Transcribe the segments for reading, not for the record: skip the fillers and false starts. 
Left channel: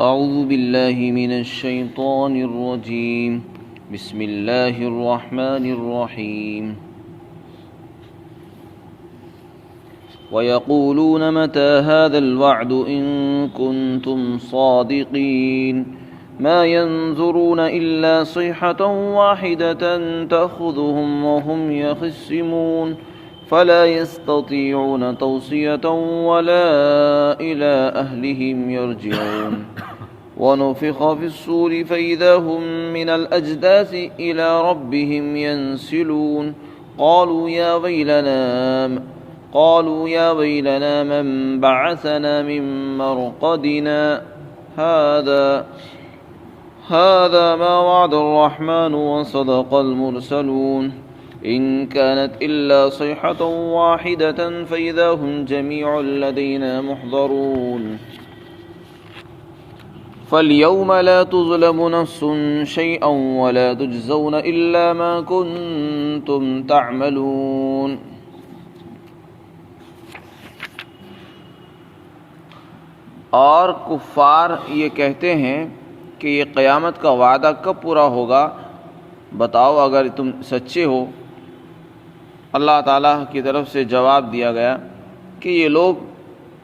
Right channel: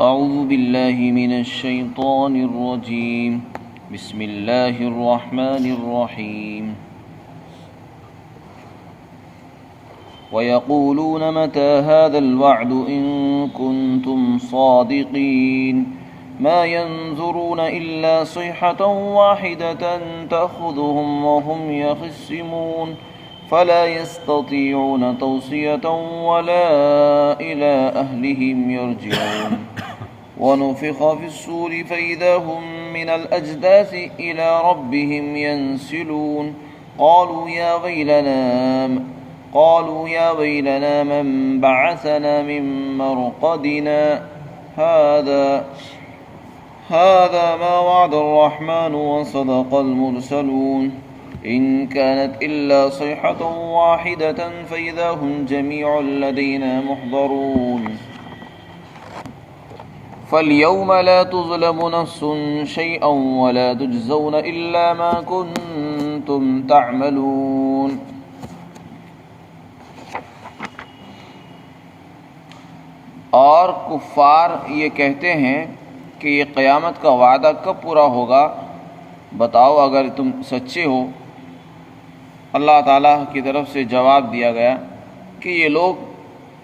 أعوذ بالله من الشيطان الرجيم بسم الله الرحمن الرحيم ويقولون متى هذا الوعد إن كنتم صادقين ما ينظرون إلا صيحة واحدة تأخذهم وهم يخصمون فلا يستطيعون توصية ولا إلى أهلهم يرجعون ونفخ في الصور فإذا هم من الأجداث إلى ربهم ينسلون قالوا يا ويلنا من بعثنا من مرقدنا هذا ما وعد الرحمن وصدق المرسلون إن كانت إلا صيحة واحدة فإذا هم جميع لدينا محضرون فاليوم لا تظلم نفس شيئا ولا تجزون إلا ما كنتم تعملون. اور کفار یہ کہتے ہیں کہ یہ قیامت کا وعدہ کب پورا ہوگا؟ بتاؤ اگر تم سچے ہو۔ اللہ تعالیٰ کی طرف سے جواب دیا گیا کہ یہ لوگ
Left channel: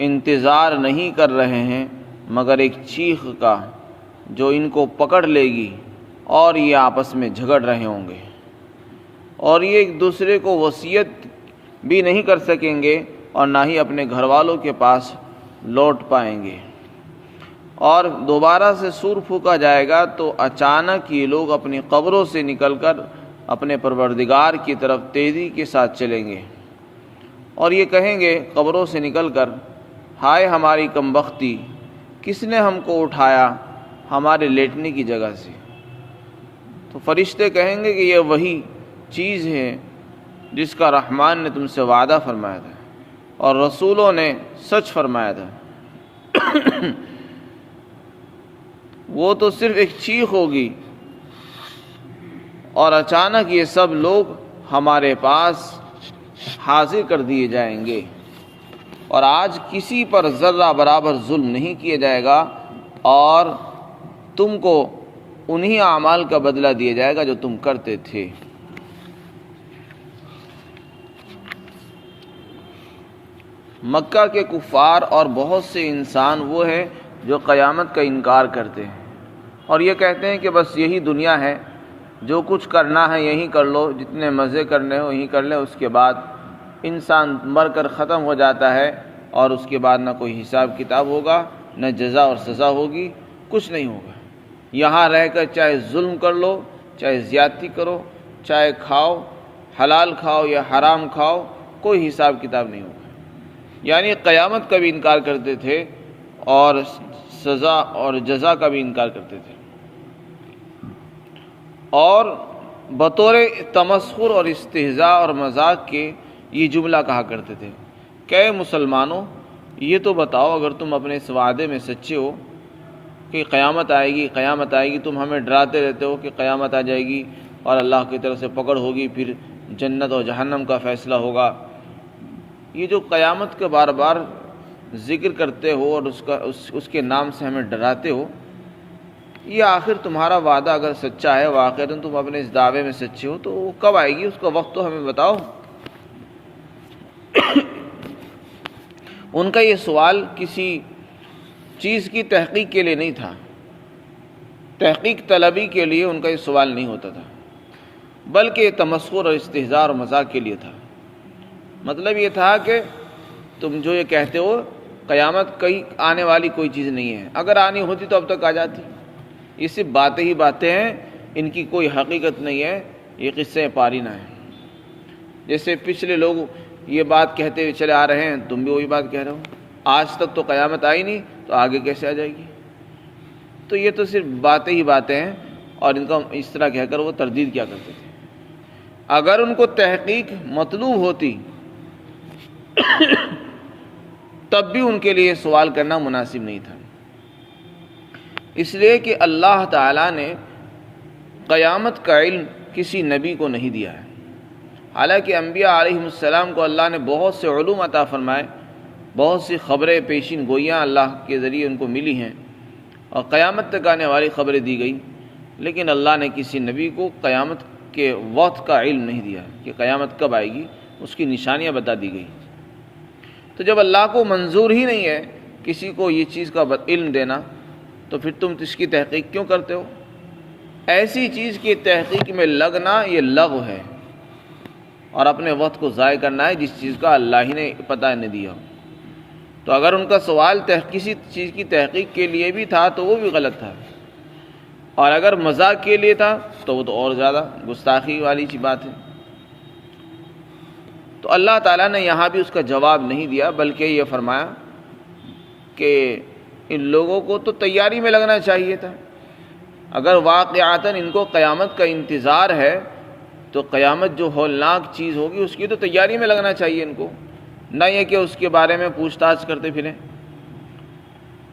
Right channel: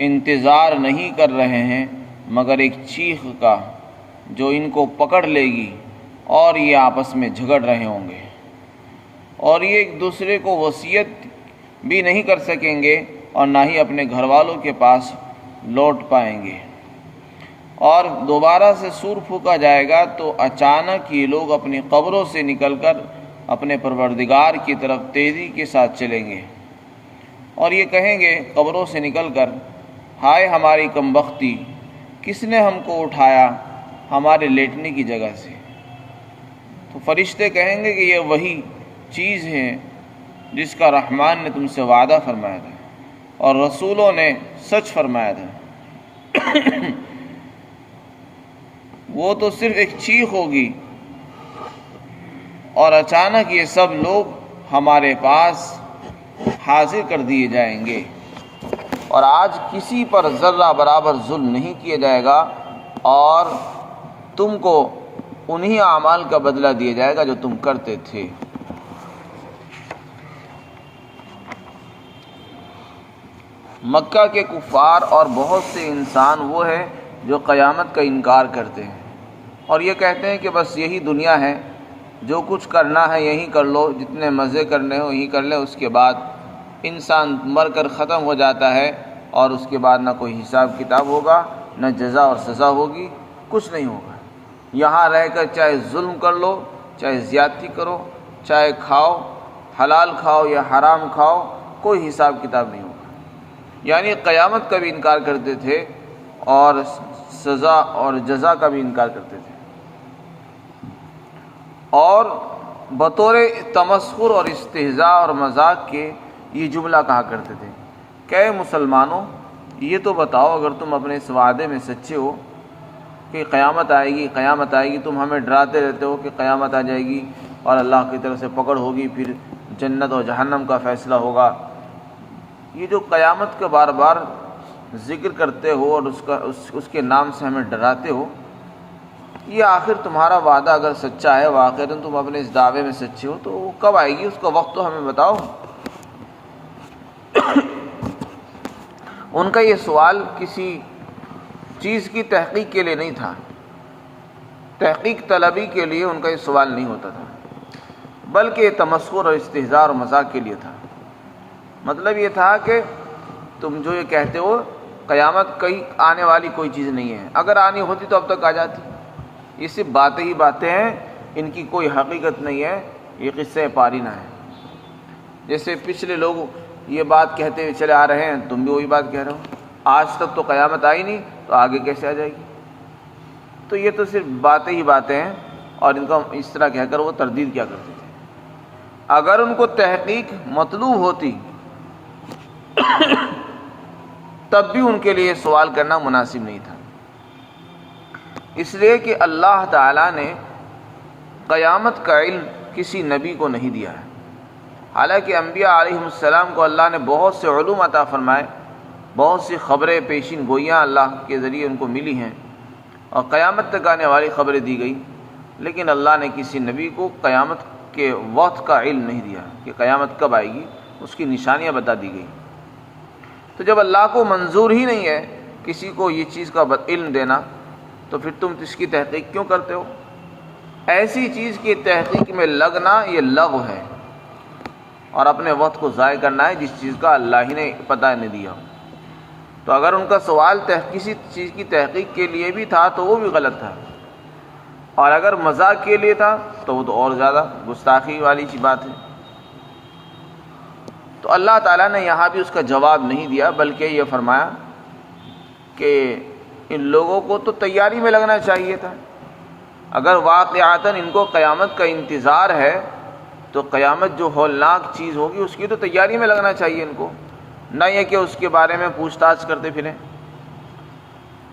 انتظار نہیں کر رہے ہیں مگر ایک چیخ کا جو ان کو پکڑ لے گی، اور یہ آپس میں جھگڑ رہے ہوں گے، اور یہ ایک دوسرے کو وصیت بھی نہیں کر سکیں گے اور نہ ہی اپنے گھر والوں کے پاس لوٹ پائیں گے۔ اور دوبارہ سے سور پھونکا جائے گا تو اچانک یہ لوگ اپنی قبروں سے نکل کر اپنے پروردگار کی طرف تیزی کے ساتھ چلیں گے، اور یہ کہیں گے قبروں سے نکل کر، ہائے ہماری کمبختی، کس نے ہم کو اٹھایا ہمارے لیٹنے کی جگہ سے؟ تو فرشتے کہیں گے کہ یہ وہی چیز ہے جس کا رحمان نے تم سے وعدہ فرمایا تھا اور رسولوں نے سچ فرمایا تھا۔ وہ تو صرف ایک چیخ ہوگی اور اچانک یہ سب لوگ ہمارے پاس حاضر کر دیے جائیں گے، اور آج کسی پر ذرہ برابر ظلم نہیں کیا جائے گا، اور تم کو انہی اعمال کا بدلہ دیا جائے گا جو تم کرتے تھے۔ مکہ کے کفار اور بہت سے انسان وہ ہیں جو قیامت کا انکار کرتے ہیں اور یہ کہتے ہیں کہ بس یہی دنیا ہے، جو کچھ کرنا ہے یہیں کر لو، جتنے مزے کرنے ہو یہیں کر لیں، اس کے بعد انسان مر کر ختم ہو جاتا ہے اور اس کے بعد نہ کوئی حساب کتاب ہوگا، نہ جزا اور سزا ہوگی، کچھ نہیں ہوگا۔ یہاں رہ کر چاہے ظلم کر لو، چاہے زیادتی کرو، چاہے کھاؤ، حلال کھاؤ یا حرام کھاؤ، کوئی حساب کتاب نہیں ہوگا۔ یعنی قیامت کا بھی انکار کرتے تھے اور سزا اور جزا کا بھی انکار کرتے تھے، اور بطور تمسخر اور استہزاء اور مذاق کے یہ جملہ کہا کرتے تھے کہ اے مسلمانوں، یہ تو بتاؤ اگر تم اپنے اس وعدے میں سچے ہو کہ قیامت آئے گی، قیامت آئے گی، تم ہمیں ڈراتے رہتے ہو کہ قیامت آ جائے گی اور اللہ کی طرف سے پکڑ ہوگی، پھر جنت اور جہنم کا فیصلہ ہوگا۔ یہ جو قیامت کا بار بار ذکر کرتے ہو اور اس کے نام سے ہمیں ڈراتے ہو، یہ آخر تمہارا وعدہ اگر سچا ہے، واقعتاً تم اپنے اس دعوے میں سچے ہو، تو وہ کب آئے گی؟ اس کا وقت تو ہمیں بتاؤ۔ ان کا یہ سوال کسی چیز کی تحقیق کے لیے نہیں تھا، تحقیق طلبی کے لیے ان کا یہ سوال نہیں ہوتا تھا، بلکہ یہ تمسخر اور استہزاء اور مذاق کے لیے تھا۔ مطلب یہ تھا کہ تم جو یہ کہتے ہو قیامت کہیں آنے والی کوئی چیز نہیں ہے، اگر آنی ہوتی تو اب تک آ جاتی، یہ صرف باتیں ہی باتیں ہیں، ان کی کوئی حقیقت نہیں ہے، یہ قصے پارینہ ہیں۔ جیسے پچھلے لوگ یہ بات کہتے ہوئے چلے آ رہے ہیں، تم بھی وہی بات کہہ رہے ہو، آج تک تو قیامت آئی نہیں تو آگے کیسے آ جائے گی؟ تو یہ تو صرف باتیں ہی باتیں ہیں، اور ان کا اس طرح کہہ کر وہ تردید کیا کرتے تھے۔ اگر ان کو تحقیق مطلوب ہوتی تب بھی ان کے لیے سوال کرنا مناسب نہیں تھا، اس لیے کہ اللہ تعالیٰ نے قیامت کا علم کسی نبی کو نہیں دیا ہے۔ حالانکہ انبیاء علیہم السلام کو اللہ نے بہت سے علوم عطا فرمائے، بہت سی خبریں پیشین گوئیاں اللہ کے ذریعے ان کو ملی ہیں، اور قیامت تک آنے والی خبریں دی گئی، لیکن اللہ نے کسی نبی کو قیامت کے وقت کا علم نہیں دیا کہ قیامت کب آئے گی، اس کی نشانیاں بتا دی گئی۔ تو جب اللہ کو منظور ہی نہیں ہے کسی کو یہ چیز کا علم دینا، تو پھر تم اس کی تحقیق کیوں کرتے ہو؟ ایسی چیز کی تحقیق میں لگنا یہ لغو ہے، اور اپنے وقت کو ضائع کرنا ہے جس چیز کا اللہ ہی نے پتہ نہیں دیا۔ تو اگر ان کا سوال کسی چیز کی تحقیق کے لیے بھی تھا تو وہ بھی غلط تھا، اور اگر مذاق کے لیے تھا تو وہ تو اور زیادہ گستاخی والی بات ہے۔ تو اللہ تعالیٰ نے یہاں بھی اس کا جواب نہیں دیا، بلکہ یہ فرمایا کہ ان لوگوں کو تو تیاری میں لگنا چاہیے تھا۔ اگر واقعاتاً ان کو قیامت کا انتظار ہے تو قیامت جو ہولناک چیز ہوگی اس کی تو تیاری میں لگنا چاہیے ان کو، نہ یہ کہ اس کے بارے میں پوچھ تاچھ کرتے پھریں۔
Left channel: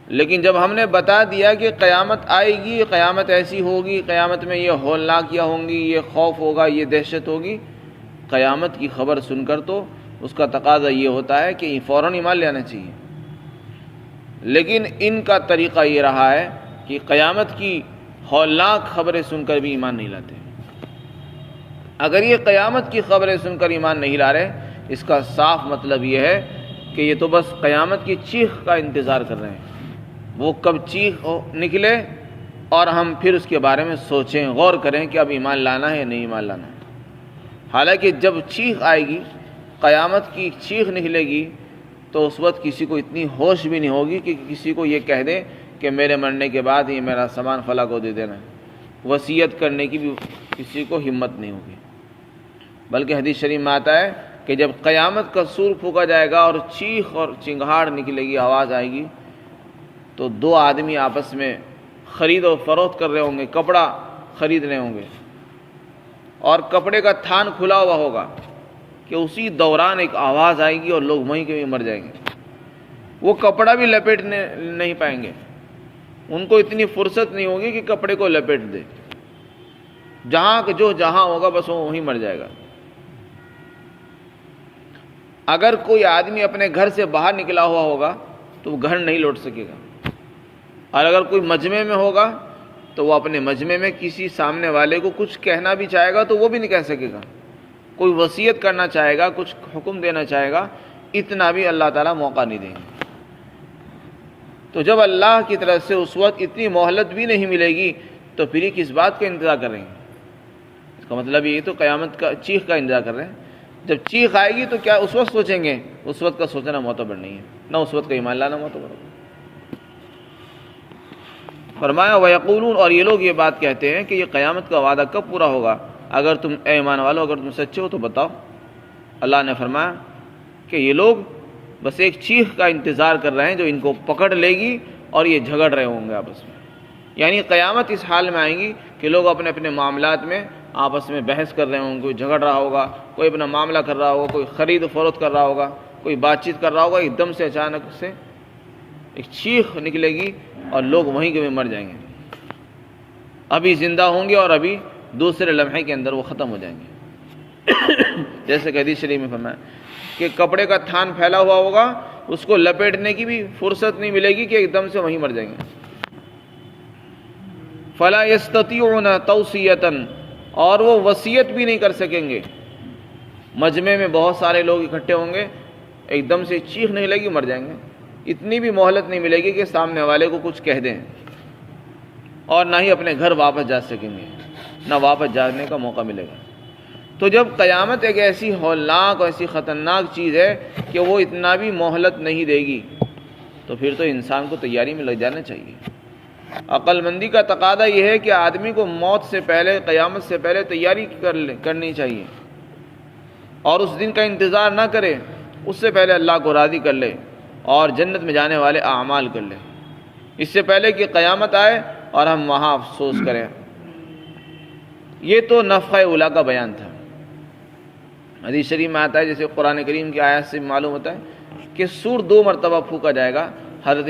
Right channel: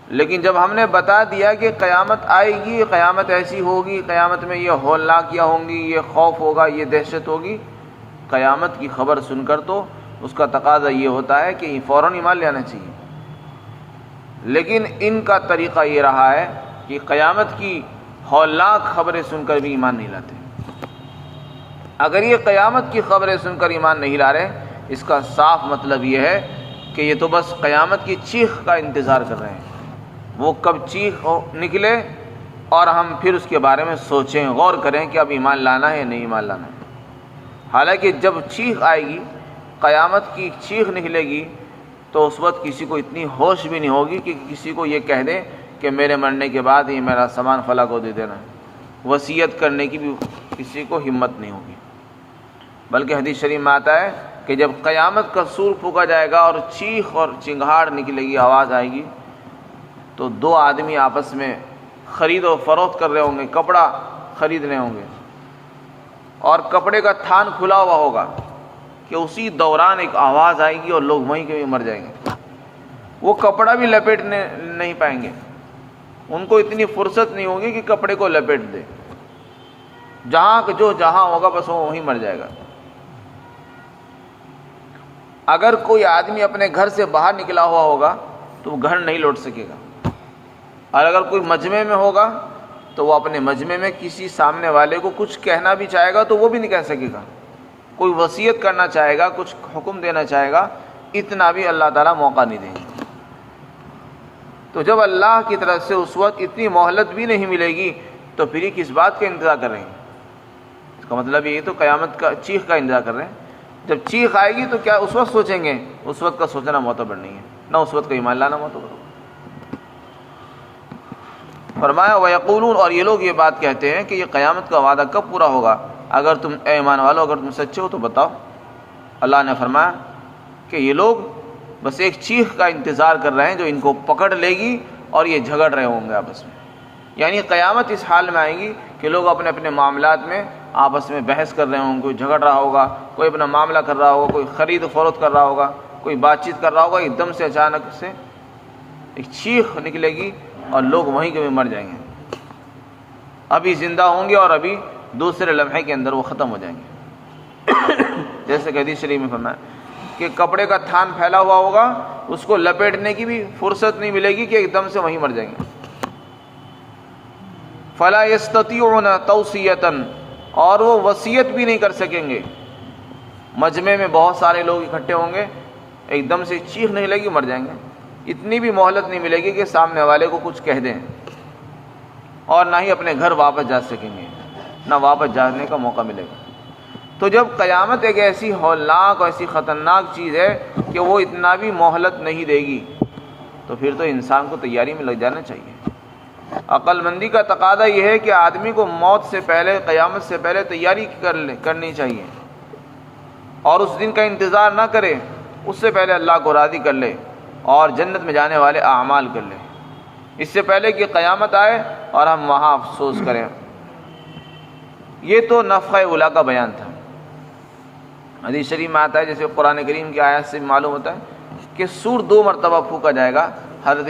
لیکن جب ہم نے بتا دیا کہ قیامت آئے گی، قیامت ایسی ہوگی، قیامت میں یہ ہولناکیاں ہوں گی، یہ خوف ہوگا، یہ دہشت ہوگی، قیامت کی خبر سن کر تو اس کا تقاضا یہ ہوتا ہے کہ فوراً ایمان لے آنا چاہیے۔ لیکن ان کا طریقہ یہ رہا ہے کہ قیامت کی ہولناک خبریں سن کر بھی ایمان نہیں لاتے۔ اگر یہ قیامت کی خبریں سن کر ایمان نہیں لا رہے، اس کا صاف مطلب یہ ہے کہ یہ تو بس قیامت کی چیخ کا انتظار کر رہے ہیں، وہ کب چیخ نکلے اور ہم پھر اس کے بارے میں سوچیں، غور کریں کہ اب ایمان لانا ہے یا نہیں ایمان لانا ہے۔ حالانکہ جب چیخ آئے گی، قیامت کی چیخ نکلے گی، تو اس وقت کسی کو اتنی ہوش بھی نہیں ہوگی کہ کسی کو یہ کہہ دیں کہ میرے مرنے کے بعد یہ میرا سامان فلاں کو دے دینا، وصیت کرنے کی بھی کسی کو ہمت نہیں ہوگی۔ بلکہ حدیث شریف میں آتا ہے کہ جب قیامت کا سور پھونکا جائے گا اور چیخ اور چنگھاڑ نکلے گی، آواز آئے گی، تو دو آدمی آپس میں خرید و فروخت کر رہے ہوں گے، کپڑا خرید رہے ہوں گے، اور کپڑے کا تھان کھلا ہوا ہوگا کہ اسی دوران ایک آواز آئے گی اور لوگ وہیں کے مر جائیں گے۔ وہ کپڑا بھی لپیٹنے نہیں پائیں گے، ان کو اتنی فرصت نہیں ہوگی کہ کپڑے کو لپیٹ دے، جہاں ہوگا بس وہ وہیں مر جائے گا۔ اگر کوئی آدمی اپنے گھر سے باہر نکلا ہوا ہوگا تو وہ گھر نہیں لوٹ سکے گا، اور اگر کوئی مجمع میں ہوگا تو وہ اپنے مجمع میں کسی سامنے والے کو کچھ کہنا بھی چاہے گا تو وہ بھی نہیں کہہ سکے گا، کوئی وصیت کرنا چاہے گا، کچھ حکم دینا چاہے گا، اتنا بھی اللہ تعالیٰ موقع نہیں دیں گے۔ تو جب اللہ کی طرف سے اس وقت اتنی مہلت بھی نہیں ملے گی تو پھر کس بات کا انتظار کر رہے ہیں؟ اس کا مطلب یہ تو قیامت کا چیخ کا انتظار کر رہے ہیں۔ جب چیخ آئے گی تو کیا اس وقت سوچیں گے؟ اس وقت کا سوچنا معتبر نہیں ہے، نہ اس وقت کا ایمان لانا معتبر ہوگا۔ فرمایا وَيَقُولُونَ، اور یہ لوگ یہ بات کہتے ہیں کہ یہ قیامت کا وعدہ کب پورا ہوگا؟ اگر تم اے ایمان والو اگر تم سچے ہو تو بتاؤ۔ اللہ نے فرمایا کہ یہ لوگ بس ایک چیخ کا انتظار کر رہے ہیں جو ان کو پکڑ لے گی اور یہ جھگڑ رہے ہوں گے آپس میں۔ یعنی قیامت اس حال میں آئیں گی کہ لوگ اپنے اپنے معاملات میں آپس میں بحث کر رہے ہوں گے، کوئی جھگڑ رہا ہوگا، کوئی اپنا معاملہ کر رہا ہوگا، کوئی خرید و فروخت کر رہا ہوگا، کوئی بات چیت کر رہا ہوگا، ایک دم سے اچانک سے ایک چیخ نکلے گی اور لوگ وہیں کے مر جائیں گے، ابھی زندہ ہوں گے اور ابھی دوسرے لمحے کے اندر وہ ختم ہو جائیں گے۔ جیسے کہ حدیث شریف میں فرمایا کہ کپڑے کا تھان پھیلا ہوا ہوگا، اس کو لپیٹنے کی بھی فرصت نہیں ملے گی کہ ایک دم سے وہیں مر جائیں گے۔ فَلَا يَسْتَطِيعُونَ تَوْصِيَةً، اور وہ وصیت بھی نہیں کر سکیں گے۔ مجمع میں بہت سارے لوگ اکٹھے ہوں گے، ایک دم سے چیخ نہیں لگی، مر جائیں گے، اتنی بھی مہلت نہیں ملے گی کہ سامنے والے کو کچھ کہہ دیں، اور نہ ہی اپنے گھر واپس جا سکیں گے، نہ واپس جانے کا موقع ملے گا۔ تو جب قیامت ایک ایسی ہولناک اور ایسی خطرناک چیز ہے کہ وہ اتنا بھی مہلت نہیں دے گی، تو پھر تو انسان کو تیاری میں لگ جانا چاہیے۔ عقل مندی کا تقاضا یہ ہے کہ آدمی کو موت سے پہلے، قیامت سے پہلے تیاری کرنی چاہیے، اور اس دن کا انتظار نہ کرے، اس سے پہلے اللہ کو راضی کر لے اور جنت میں جانے والے اعمال کر لے، اس سے پہلے کہ قیامت آئے اور ہم وہاں افسوس کریں۔ یہ تو نفخہ اولیٰ کا بیان تھا۔ حدیث شریف میں آتا ہے، جیسے قرآن کریم کی آیات سے معلوم ہوتا ہے کہ سور 2 مرتبہ پھونکا جائے گا۔ حضرت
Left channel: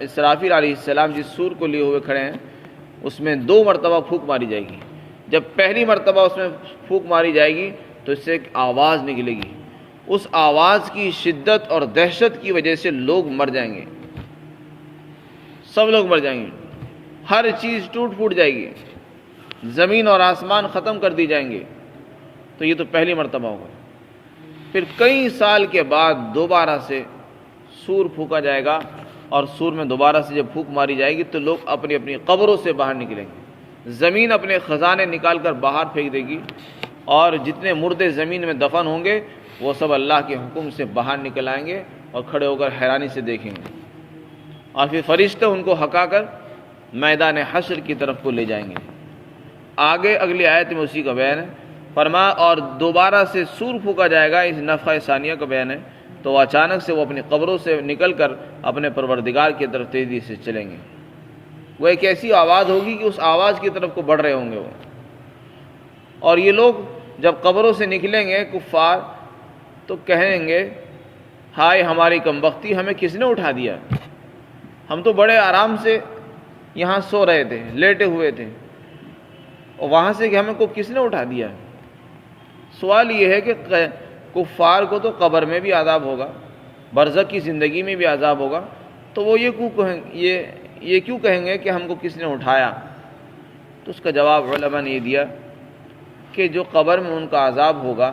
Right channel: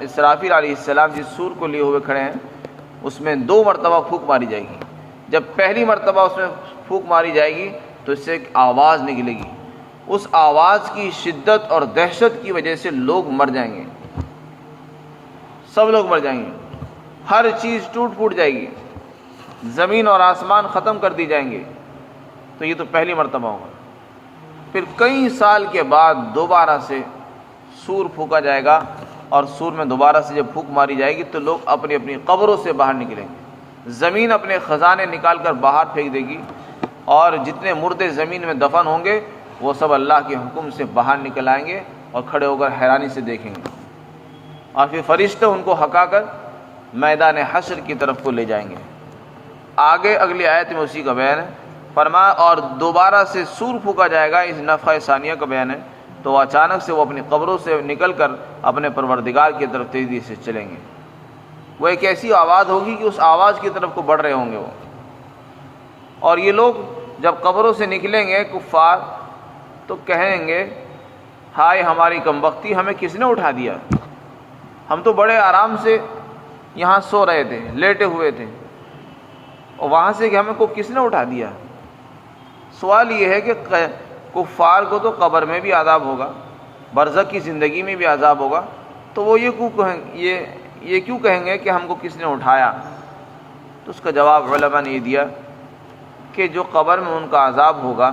اسرافیل علیہ السلام جس سور کو لیے ہوئے کھڑے ہیں، اس میں 2 مرتبہ پھونک ماری جائے گی۔ جب پہلی مرتبہ اس میں پھونک ماری جائے گی تو اس سے ایک آواز نکلے گی، اس آواز کی شدت اور دہشت کی وجہ سے لوگ مر جائیں گے، سب لوگ مر جائیں گے، ہر چیز ٹوٹ پھوٹ جائے گی، زمین اور آسمان ختم کر دی جائیں گے. تو یہ تو پہلی مرتبہ ہوگا. پھر کئی سال کے بعد دوبارہ سے سور پھونکا جائے گا، اور سور میں دوبارہ سے جب پھونک ماری جائے گی تو لوگ اپنی اپنی قبروں سے باہر نکلیں گے. زمین اپنے خزانے نکال کر باہر پھینک دے گی، اور جتنے مردے زمین میں دفن ہوں گے وہ سب اللہ کے حکم سے باہر نکل آئیں گے اور کھڑے ہو کر حیرانی سے دیکھیں گے. اور پھر فرشتے ان کو ہکا کر میدان حشر کی طرف کو لے جائیں گے. آگے اگلی آیت میں اسی کا بیان ہے. فرمایا اور دوبارہ سے سور پھونکا جائے گا، اس نفخہ ثانیہ کا بیان ہے. تو اچانک سے وہ اپنی قبروں سے نکل کر اپنے پروردگار کی طرف تیزی سے چلیں گے. وہ ایک ایسی آواز ہوگی کہ اس آواز کی طرف کو بڑھ رہے ہوں گے وہ. اور یہ لوگ جب قبروں سے نکلیں گے کفار تو کہیں گے ہائے ہماری کمبختی، ہمیں کس نے اٹھا دیا؟ ہم تو بڑے آرام سے یہاں سو رہے تھے، لیٹے ہوئے تھے، اور وہاں سے کہ ہمیں کو کس نے اٹھا دیا؟ سوال یہ ہے کہ کفار کو تو قبر میں بھی عذاب ہوگا، برزخ کی زندگی میں بھی عذاب ہوگا، تو وہ یہ کیوں کہیں گے کہ ہم کو کس نے اٹھایا؟ تو اس کا جواب علماء نے یہ دیا کہ جو قبر میں ان کا عذاب ہوگا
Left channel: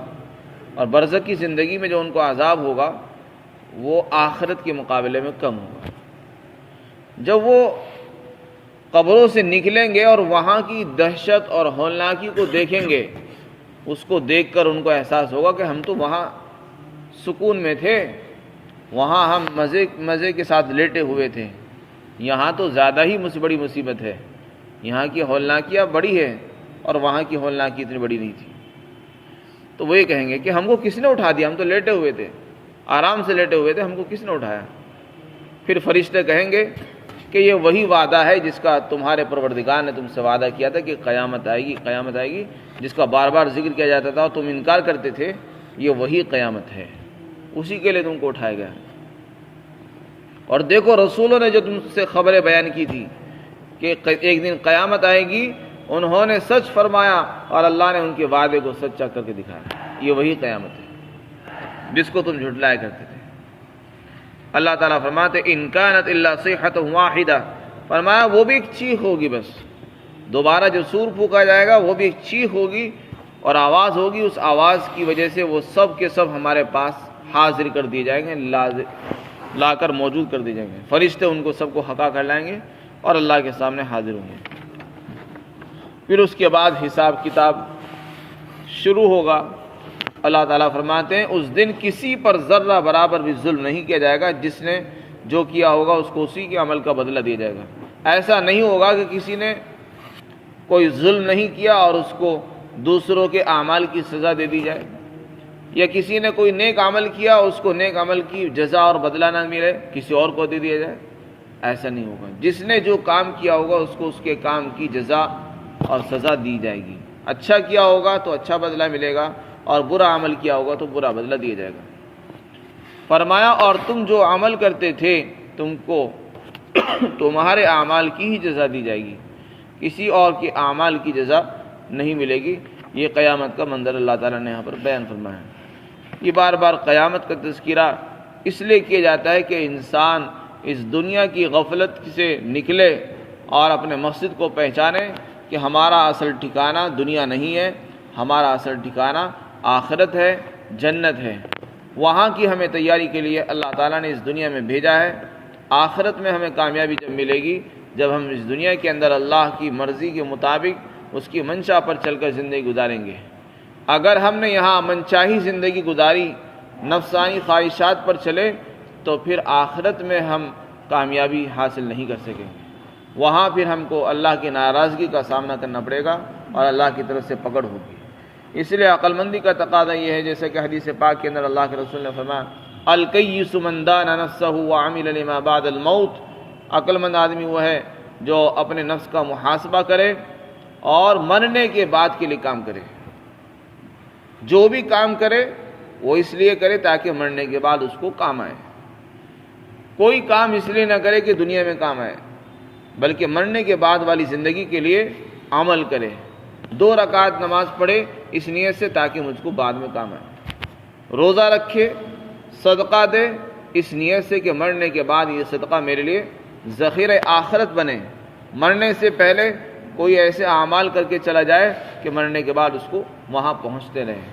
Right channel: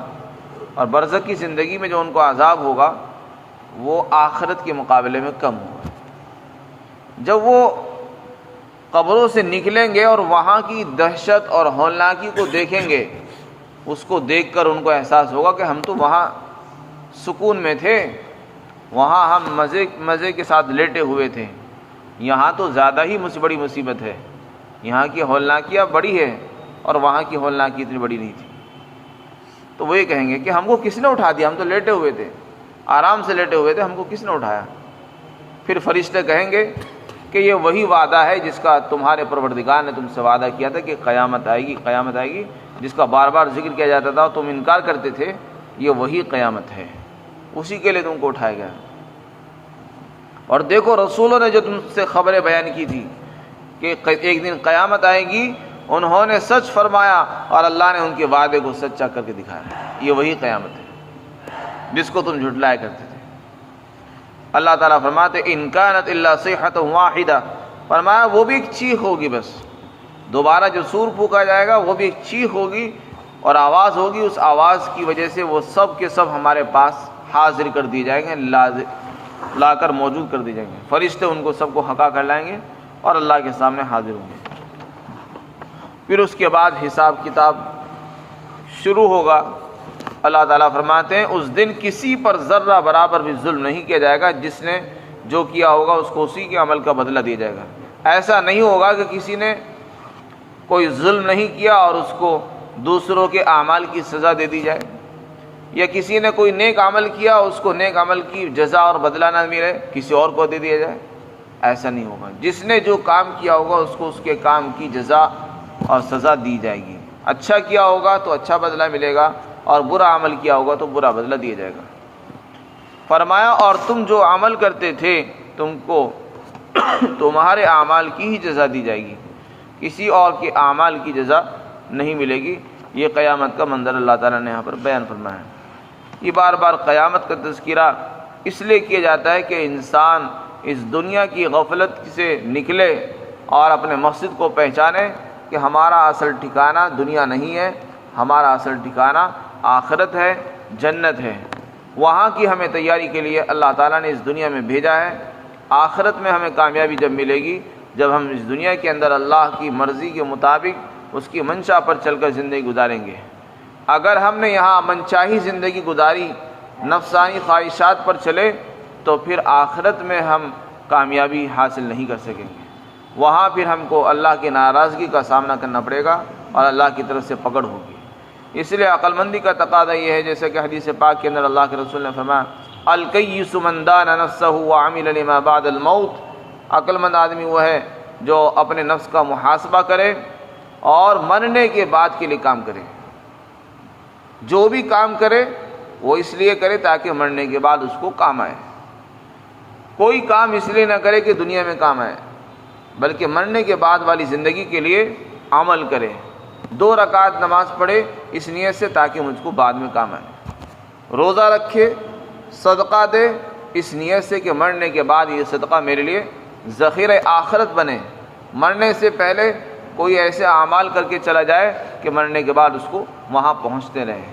اور برزخ کی زندگی میں جو ان کو عذاب ہوگا وہ آخرت کے مقابلے میں کم ہوگا. جب وہ قبروں سے نکلیں گے اور وہاں کی دہشت اور ہولناکی کو دیکھیں گے، اس کو دیکھ کر ان کو احساس ہوگا کہ ہم تو وہاں سکون میں تھے، وہاں ہم مزے کے ساتھ لیٹے ہوئے تھے، یہاں تو زیادہ ہی بڑی مصیبت ہے، یہاں کی ہولناکیاں بڑی ہے اور وہاں کی ہولناکی اتنی بڑی نہیں تھی. تو وہ یہ کہیں گے کہ ہم کو کس نے اٹھا دیا؟ ہم تو لیٹے ہوئے تھے، آرام سے لیٹے ہوئے تھے، ہم کو کس نے اٹھایا؟ پھر فرشتے کہیں گے کہ یہ وہی وعدہ ہے جس کا تمہارے پروردگار نے تم سے وعدہ کیا تھا کہ قیامت آئے گی، قیامت آئے گی، جس کا بار بار ذکر کیا جاتا تھا اور تم انکار کرتے تھے. یہ وہی قیامت ہے، اسی کے لیے تم کو اٹھایا گیا. اور دیکھو رسولوں نے جو تم سے خبریں بیان کی تھی کہ ایک دن قیامت آئے گی، انہوں نے سچ فرمایا اور اللہ نے ان کے وعدے کو سچا کر کے دکھایا. یہ وہی قیامت ہے جس کو تم جھٹلایا کرتے تھے. اللہ تعالیٰ فرماتے ان کانت الا صیحۃ واحدہ، فرمایا وہ بھی ایک چیخ ہوگی، بس دوبارہ جو سور پھونکا جائے گا وہ بھی ایک چیخ ہوگی اور آواز ہوگی. اس آواز کی وجہ سے وہ سب کے سب ہمارے پاس حاضر کر دیے جائیں گے، لا کر موجود کر دیے جائیں گے. فرشتے ان کو سب کو ہکا کر لائیں گے اور اللہ کے سامنے حاضر ہوں گے. پھر اس کے بعد حساب کتاب شروع ہوگا. اللہ تعالیٰ فرماتے ہیں اس دن کسی پر ذرہ برابر بھی ظلم نہیں کیا جائے گا، جس نے جو کیا ہوگا اس کو اسی کے عمل کا بدلہ دیا جائے گا. ایسا نہیں ہوگا کہ کسی نے کوئی ظلم نہیں کیا اور اس کو دوسروں کے اعمال کی سزا دے دی جائے، یا کسی نے کوئی نیک عمل کیا اس کو نیک عمل کی جزا اور بدلہ نہ ملے کسی اور کو دے دیا جائے. ایسا نہیں ہوگا. جس نے جو کام کیا ہوگا اس کو اس کے کام کی جزا اور سزا دی جائے گی. اچھا کیا ہوگا تو اچھا بدلہ ملے گا، اور برا عمل کیا ہوگا تو برا بدلہ دیا جائے گا. فرمایا اور تم جو عمل کرتے تھے تم کو تمہارے اعمال کی ہی جزا دی جائے گی، کسی اور کے اعمال کی جزا نہیں ملے گی. یہ قیامت کا منظر اللہ تعالیٰ نے یہاں پر بیان فرمایا ہے. یہ بار بار قیامت کا تذکرہ اس لیے کیا جاتا ہے کہ انسان اس دنیا کی غفلت سے نکلے اور اپنے مقصد کو پہچانے کہ ہمارا اصل ٹھکانہ دنیا نہیں ہے، ہمارا اصل ٹھکانہ آخرت ہے، جنت ہے. وہاں کی ہمیں تیاری کے لیے اللہ تعالیٰ نے اس دنیا میں بھیجا ہے. آخرت میں ہمیں کامیابی جب ملے گی جب ہم اس دنیا کے اندر اللہ کی مرضی کے مطابق اس کی منشا پر چل کر زندگی گزاریں گے. اگر ہم نے یہاں منچاہی زندگی گزاری، نفسانی خواہشات پر چلے، تو پھر آخرت میں ہم کامیابی حاصل نہیں کر سکیں گے. وہاں پھر ہم کو اللہ کی ناراضگی کا سامنا کرنا پڑے گا اور اللہ کی طرف سے پکڑ ہوگی. اس لیے عقل مندی کا تقاضا یہ ہے، جیسے کہ حدیث پاک کے اندر اللہ کے رسول نے فرمایا الکیس من دان نفسہ وعمل لما بعد الموت. عقل مند آدمی وہ ہے جو اپنے نفس کا محاسبہ کرے اور مرنے کے بعد کے لیے کام کرے. جو بھی کام کرے وہ اس لیے کرے تاکہ مرنے کے بعد اس کو کام آئے. کوئی کام اس لیے نہ کرے کہ دنیا میں کام آئے، بلکہ مرنے کے بعد والی زندگی کے لیے عمل کرے. 2 رکعت نماز پڑھے اس نیت سے تاکہ مجھ کو بعد میں کام آئے. روزہ رکھے، صدقہ دے اس نیت سے کہ مرنے کے بعد یہ صدقہ میرے لیے ذخیرہ آخرت بنے، مرنے سے پہلے کوئی ایسے اعمال کر کے چلا جائے کہ مرنے کے بعد اس کو وہاں پہنچتے رہے.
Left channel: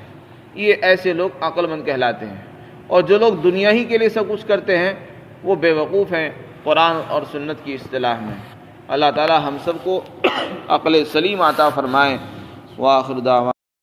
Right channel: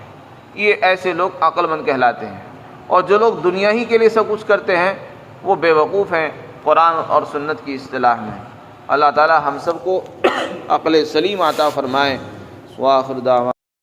یہ ایسے لوگ عقل مند کہلاتے ہیں. اور جو لوگ دنیا ہی کے لیے سب کچھ کرتے ہیں وہ بے وقوف ہیں قرآن اور سنت کی اصطلاح میں. اللہ تعالی ہم سب کو عقل سلیم عطا فرمائے. وآخر دعوانا